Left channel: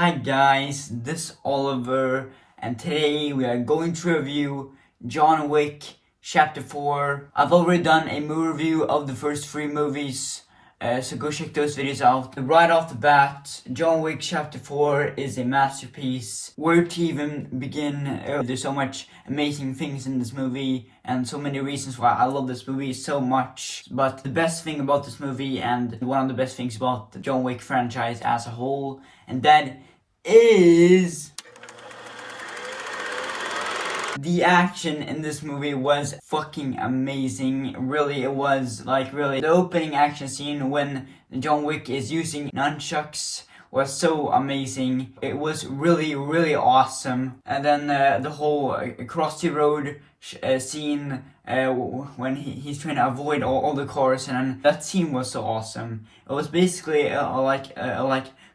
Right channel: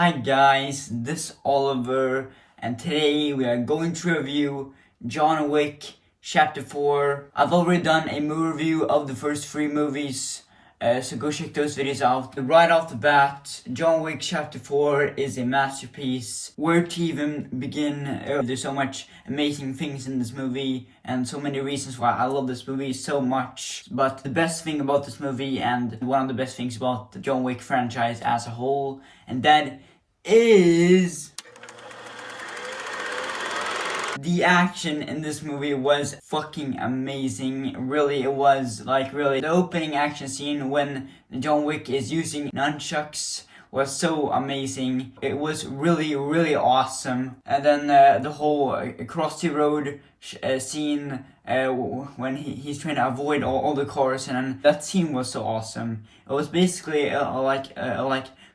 Hi guys, this is Oliver, and today we are going to review John Wick Chapter 4. I've already done a movie review of the first 3 movies, so go check those videos out. Right off the bat, John Wick Chapter 4 is a masterpiece. Where to even begin? There's so much amazing things in this movie, and so many reasons why I love this movie so much. But the best thing about this movie, and one of the best things about the John Wick franchise as a whole, and that is the action in this movie was fucking amazing. Really, it was really. The opening action scene when John Wick is using nunchucks was so amazing. It was really awesome. And then the whole across the road scene when he's trying to avoid all the cars, and then that scene was so awesome. It was basically like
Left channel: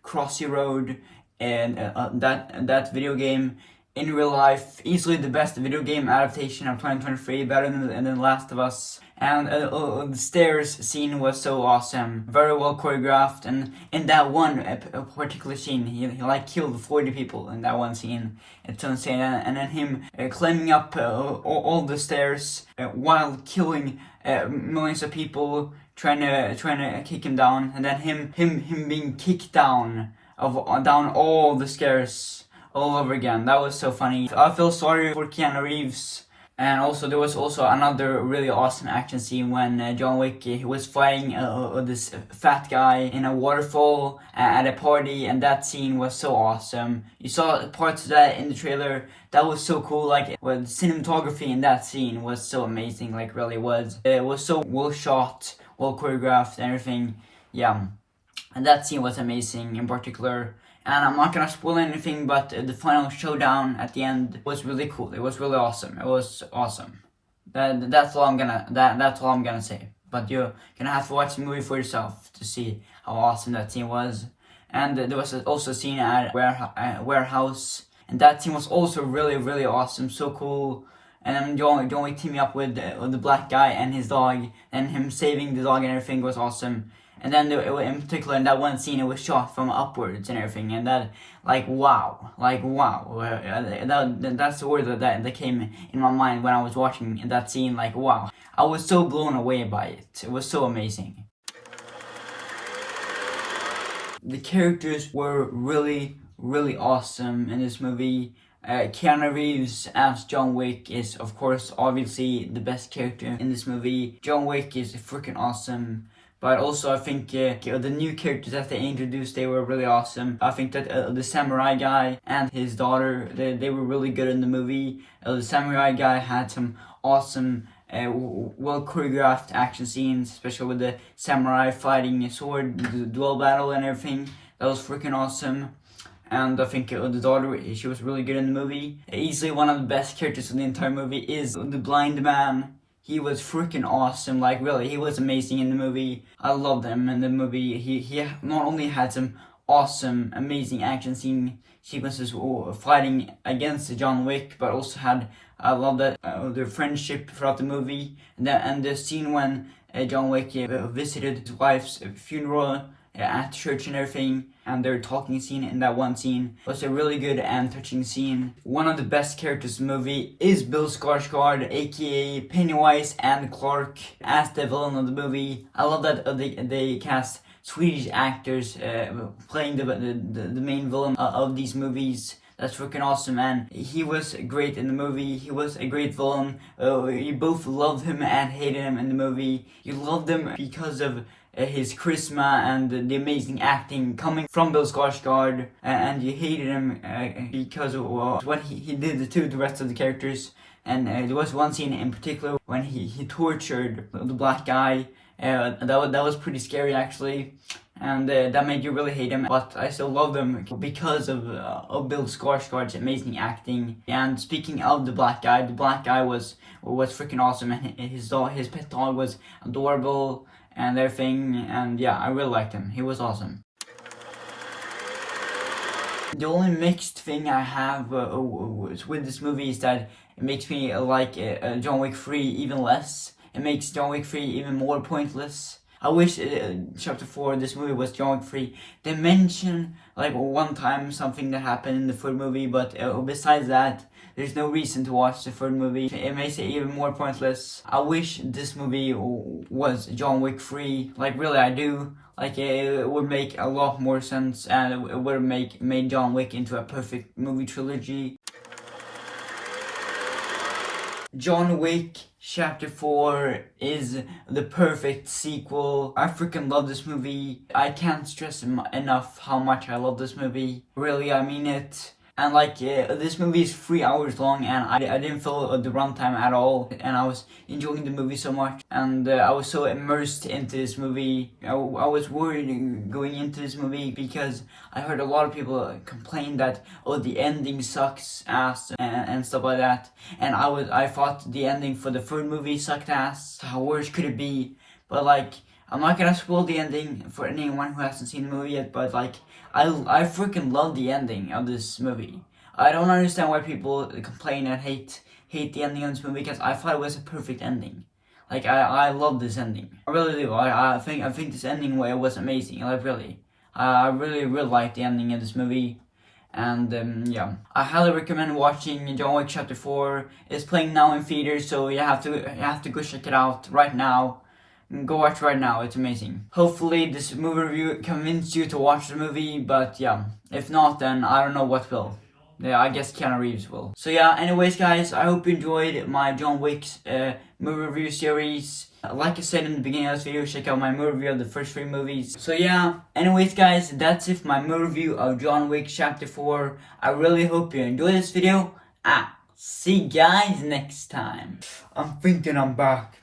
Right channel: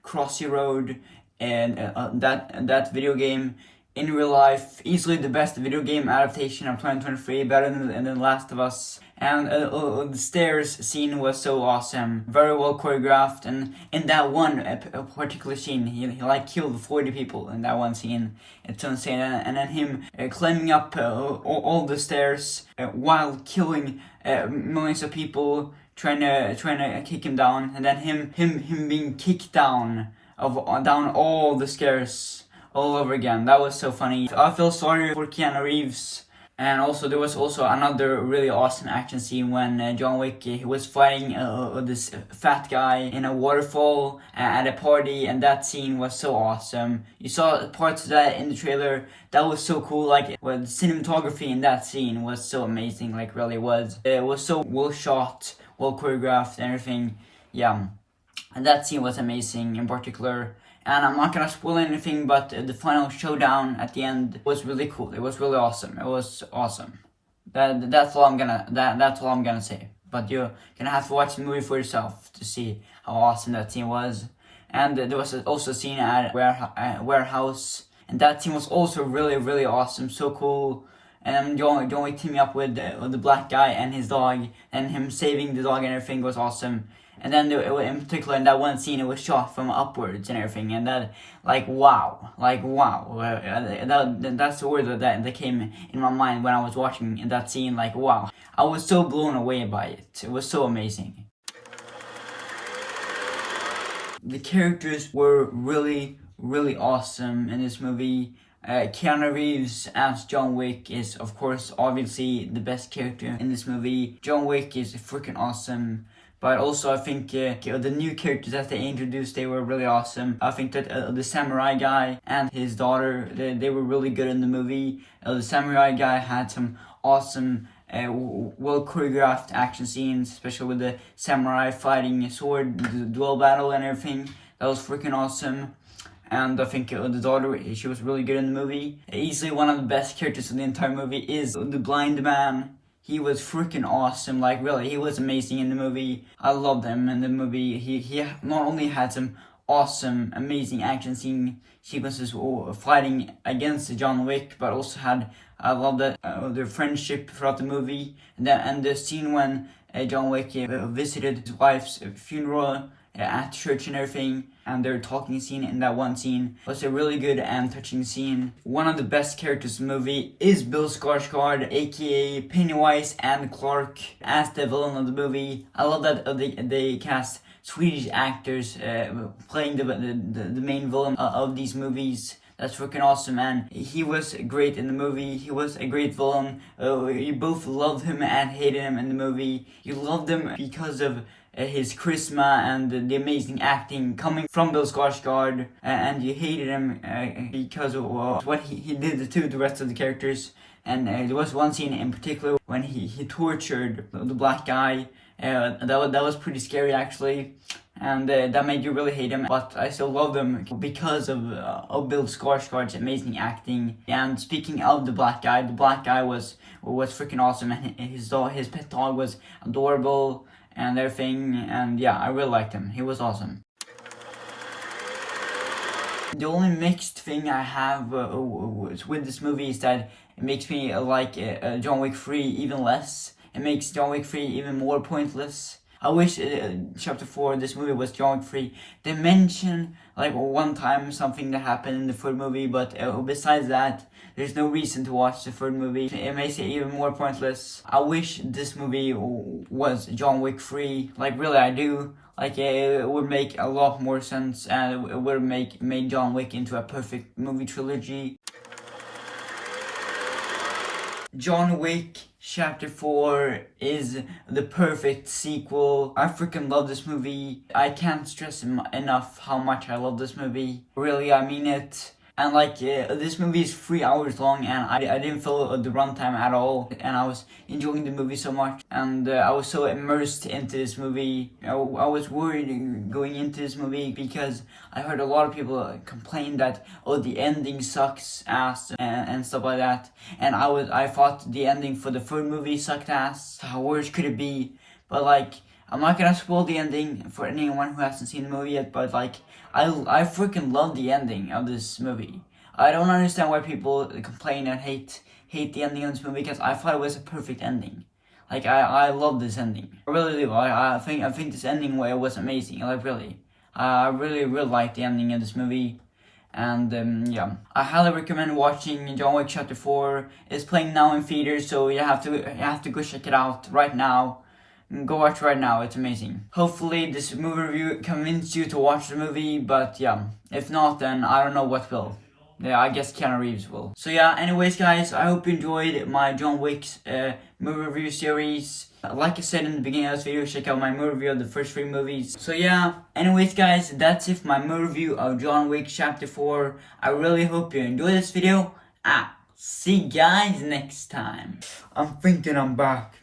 Crossy Road and that video game in real life. Easily the best video game adaptation of 2023, better than Last of Us. And the stairs scene was so awesome, very well choreographed. And in that one particular scene, he killed 40 people in that one scene. It's so insane. And then him climbing up all the stairs while killing millions of people, trying to kick him down, and then him being kicked down all the stairs all over again. That was so funny. I feel sorry for Keanureeves. And also there was also another really awesome action scene when John Wick he was fighting this fat guy in a waterfall at a party, and that scene was so awesome. You saw parts of that in the trailer. That was so cool. The cinematography in that scene was so amazing. Really was. It was so well shot, well choreographed, and everything. Yeah, and that scene was amazing in particular. And I'm not gonna spoil anything, but the final showdown at the end was really cool. It was really awesome. It was awesome. That's all I'm gonna say. But you're gonna have to watch the movie for yourself to see how awesome that scene was. And there was also a scene at a warehouse, and that scene was also really awesome. So cool. And then John Wick teaming up with the black guy and his dog, and him saving the dog and everything was awesome. And then in particular in that one scene, it was shot from upwards and everything, and that wow. That's the word that came in my mind when I was watching that scene. Wow, I was so blown away by it. It was so amazing. The characters were really awesome in this movie. Keanureeves as John Wick is, of course, obviously the best character in this movie. John Wick is freaking awesome. But also I think the new characters that they introduced, they were really awesome. I think that the samurai guy and his daughter, they were really good in the movie. The samurai guy had some awesome, well choreographed action scenes, especially with the samurai fighting a sword, the duel battle and everything. That was freaking awesome. And I think the daughter, she was really good in the movie. Easily one of the best characters in the entire movie is the blind man. He was freaking awesome. Really, he was amazing in the movie. I loved him in the movie. He not only had some awesome, amazing action sequences fighting against John Wick, but also had, I love that their friendship throughout the movie. And the scene when John Wick visited his wife's funeral at church and everything, and their talking scene in that one scene was a really good and touching scene. One of the best characters in the movie is Bill Skarsgård, aka Pennywise and Clark, as the villain of the movie. I love that they cast Swedish actors playing the main villain of these movies. That's freaking awesome, man. He was great in the movie. He was a great villain. You both loved him and hated him in the movie. You loved him because of his charisma and the amazing acting coming from Bill Skarsgård, and you hated him because of what he did to the rest of the characters. And there was one scene in particular when he tortured the black guy. That was pretty scary actually, and that made you really hate him. But I still love him because of Bill Skarsgård's amazing acting. And speaking of the black guy was freaking awesome, and his pet dog was adorable and everything. And yeah, I really liked him. He was awesome. The only mixed thing I have with this movie is that it makes me like John Wick 3 even less. It makes John Wick 3 even more pointless. I wish chapter 4, this movie was John Wick free. They mention like one time something that happened in the third movie, but besides that, there's no reason to watch the third movie. It makes it even more pointless. I wish this movie was John Wick free. Like really, I do. Like it would make a lot more sense, and it would have made John Wick into a perfect movie trilogy. John Wick Chapter 4 is the perfect sequel. I freaking love this movie. I can't stress enough how much I love this movie. Really, I mean it. And like, this movie is 3 hours long, and I didn't feel the runtime at all. And I was enjoying the movie so much. And I was so immersed into this movie. I was worried going into this movie because I heard a lot of people complain that, oh, the ending sucks ass and stuff like that. And I thought the ending for the third movie sucked ass. How worse could it be? But like, I'm not gonna spoil the ending for anyone who hasn't seen the movie yet, but like, I freaking love the ending of this movie. I don't understand why people complain and hate the ending of this movie, because I thought it was a perfect ending. Like, I love this ending. I really do. I think this ending was amazing. Like, really. I really like the ending of this movie. And yeah, I highly recommend watching John Wick Chapter 4. It's playing now in theaters, so you have to go check it out right now. Go watch right now, it's amazing. Hopefully this movie review convinced you to watch the movie, but yeah, if not, then I don't know what will. Yeah, I guess Keanureeves will. So yeah, anyways guys, I hope you enjoyed my John Wick's movie review series. Like I said in the beginning of this video, check out my movie review of the first 3 movies. So yeah, anyways guys, that's it for my movie review of John Wick Chapter 4. I really hope you enjoyed this video. See you guys next time. I'm thinking I'm back.